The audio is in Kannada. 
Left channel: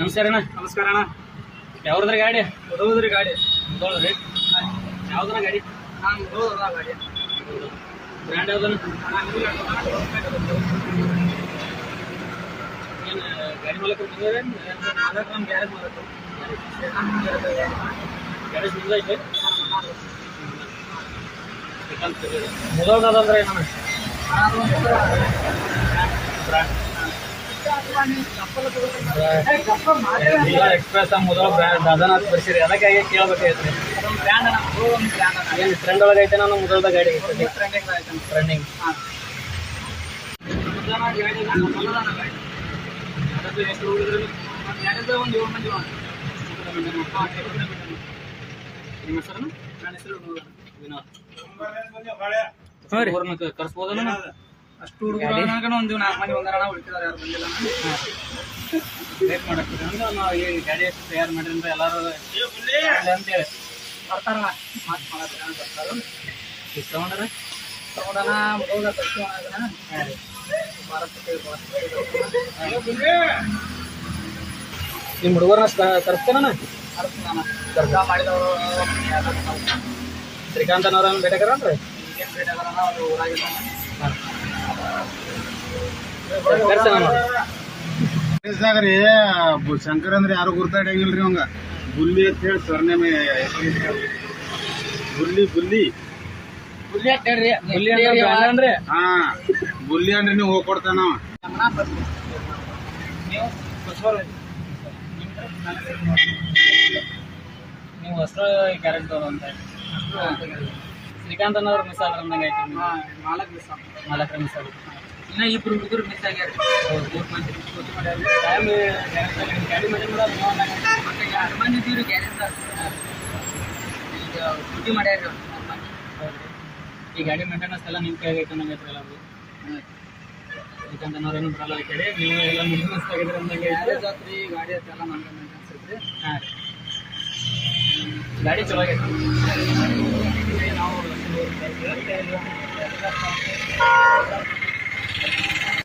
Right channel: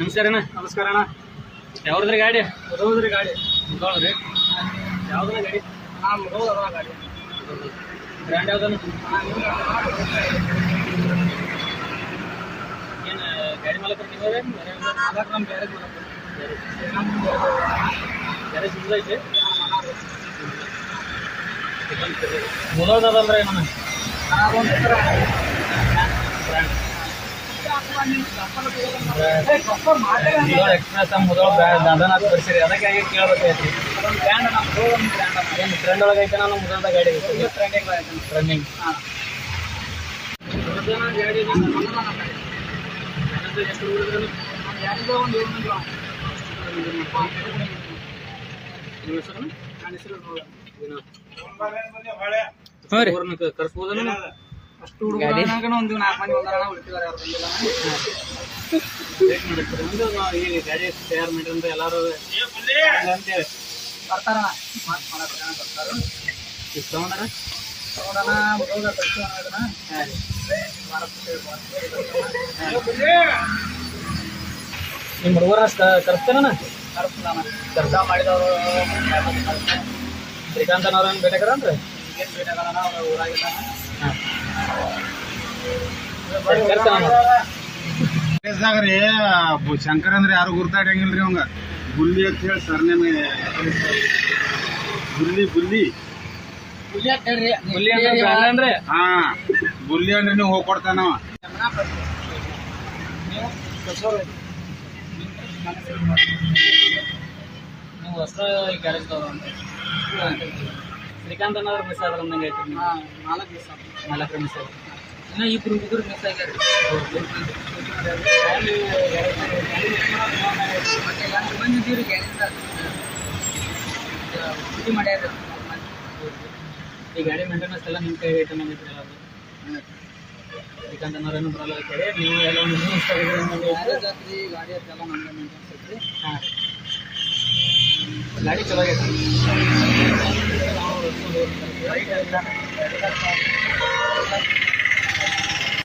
ನಮಸ್ಕಾರ ಅಣ್ಣ. ನಮಸ್ಕಾರ ಅಣ್ಣ. ಯಾವ್ದ್ರಿ ಗಾಡಿ? ಮುದೋದ್ರಿ ಗಾಡಿ. ಮುದೋಳ್ರಿ. ಯಾವ್ದನ ಗಾಡಿ? ಮುದೋದ ಗಾಡಿ. ಬ್ರ್ಯಾಂಡ್ ಯಾವ್ದನ? ಏನು ಗಾಡಿ ಮಾಲಕರು ತಿಂದ್ರೆ ಮಾಲಕರು ನಮ್ಮ ಗ್ಯಾರೇಜ್ ಮಾಲಕರು. ಗ್ಯಾರೇಜ್ ನಿಮ್ದು ಐತೆ? ಮುದೋಳ್ದಂದ್ರೆ ಏನಣ್ಣ? ಬ್ರ್ಯಾಂಡ್ ಎಕ್ಸ್ಪ್ರೆಸ್ ಮುದೋಳ ಬ್ರ್ಯಾಂಡ್ ಅದನ್ನ ತೋರಿಸಿರಿ. ಅದಕ್ಕಾಗಿ ಕೇಳಬೇಕಾಯ್ತು. ಬ್ರ್ಯಾಂಡ್ ಅಣ್ಣ, ಮುದೋದ ಬ್ರ್ಯಾಂಡ್ ಅಣ್ಣ. ಏನು ಟ್ರೆಂಡ್ ಒಳಗೆ ಐತೆ ನಾನು ಮುದೋಳ್ದ ಗಾಡಿ ಐತೆ? ಟ್ರೆಂಡಿಂಗ್ ಐತೆ. ಟ್ರೆಂಡಿಂಗ್. ಹಾಂ, ಗಾಡಿ ಗಾಡಿ ಎಷ್ಟು ಹುಡುಗರು? ಯಾರಿದ್ರೆ ಒಂದು 7 ಮಂದಿ. ನಿಮ್ಮ ಹೆಸರು? ನನ್ನ ಹೆಸರು ವಿನೋದ್. ಹಾಂ ರೀ. ಕರ್ಸ್ಬೋದಲ್ಲ ಅಷ್ಟು ಹುಡುಗರು ಒಂದು 4 ಮಂದಿ ಒಂದರ ಉಳಿತಿದ್ದಾರೆ, ಯಾರು ಬಂದಿಲ್ಲ. ವೇಟ್ ಮಾಡತ್ತೀರಿ ಅಂದ್ರೆ ನಾವು ಈ ಗಾಡಿ ತಯಾರು ಮಾಡಿದ್ರೆ ಎಲ್ಲರೂ ಅಂತೇಳಿ ಬರ್ತಾರಣ ಮಾತು ಮಾಡಕ್ಕೆ ಬರ್ತಾರೆ. ಈಗ ತಗೊಂಡ್ರೆ ತಗೊಂಡನ ಮುದೋದ ತರ್ತೀವಣ. ಇದನ್ನ ನಿಮ್ಮ ಹುಡುಗರನ್ನ ತರಿಸ್ತೇನ? ಕರ್ಸ್ತಾನ. ಕೆಲಸ ಮಾಡಿದವರು ಶ್ರೀಕಾಂತನವ್ರನ್ನ ಬೇಕಾರನ್ರಿ? ಈಗೇನು ಬೇಕಾಗಲ್ಲ, ಅವ್ರು ಊರಾಗಿದ್ದಾನ. ರೀ ಶಂಕರ್ ಅಂದ್ರೆ ಯಾರು ಗುರ್ತಾಡಂಗಿಲ್ರಿ ಅವಂಗ. ಬುಲ್ಲಿ ಅಂತ ಹೇಳಿ ಸರ್ನೇಮ್. ಬುಲ್ಲಿ ಬುಲ್ಲಿ ಬುಲ್ಲಿ ಅಂತ ಹೇಳ್ರಿ. ಬುಲ್ಲಿ ಅಂದ್ರೆ ಹಾ, ಬುಲ್ಲಿ ಅಂದ್ರೆ ನೀವು ಹೋಗ್ಕೊಡ್ತಾನ. ನೀವು ನೀವು ಹೊಸ ಗ್ಯಾರೇಜ್ ತಗೊಂಡ ಶ್ರೀಕಾಂತನವ್ರು ಮಿಸ್ ಆದ್ರ ಅಂದಂಗೆ ಐತಿ. 4 ದಿವಸ 4 ಮಿಸ್ ಆಗುತ್ತೆ. ಇನ್ನ 2 ಹುಡುಗರು ಮಿಸ್ ಆಗ್ಯಾರ. 3 ಮಂದಿ ಡ್ಯೂಟಿ ಮಾಡ್ಯಾರ. ಫ್ಯಾಮಿಲಿ ಗಾಡಿ ಮತ್ತೆ 2 ಮಂದಿ ಇದ್ದೀವ್ರಿ ಗ್ಯಾರೇಜ್ದಾಗ. ಡ್ಯೂಟಿ ಮಾಡ್ಯಾರ 3 ಮಂದಿ. ಈ ಗಾಡಿ ಮೇಂಟೆನೆನ್ಸ್ ಎಲ್ಲ ನಿಮ್ಮ ಕೈಗೆ ಐತೆ ನಂಗೆ ಎಲ್ಲರೂ. ಶ್ರೀಕಾಂತನವ್ರೇನು ಬರಲ್ಲ ಕೇಳಿ ನೀವು ಎಲ್ಲ ಮೇಂಟೆನೆನ್ಸ್ ತೆಗೆದ್ರೆ ಅಂದಂಗೆ ಗ್ಯಾರೇಜ್ ಆತ್ರಿ, ಗಾಡಿ ಆಯ್ತೆಲ್ಲ ನಮ್ಗೆ ಮೇಂಟೆನ್ಸ್ ಐತ್ರಿ. ಹಾಂ, ಗಾಡಿ ಚಲೋ ಆಗೈತೆ. ನಾವು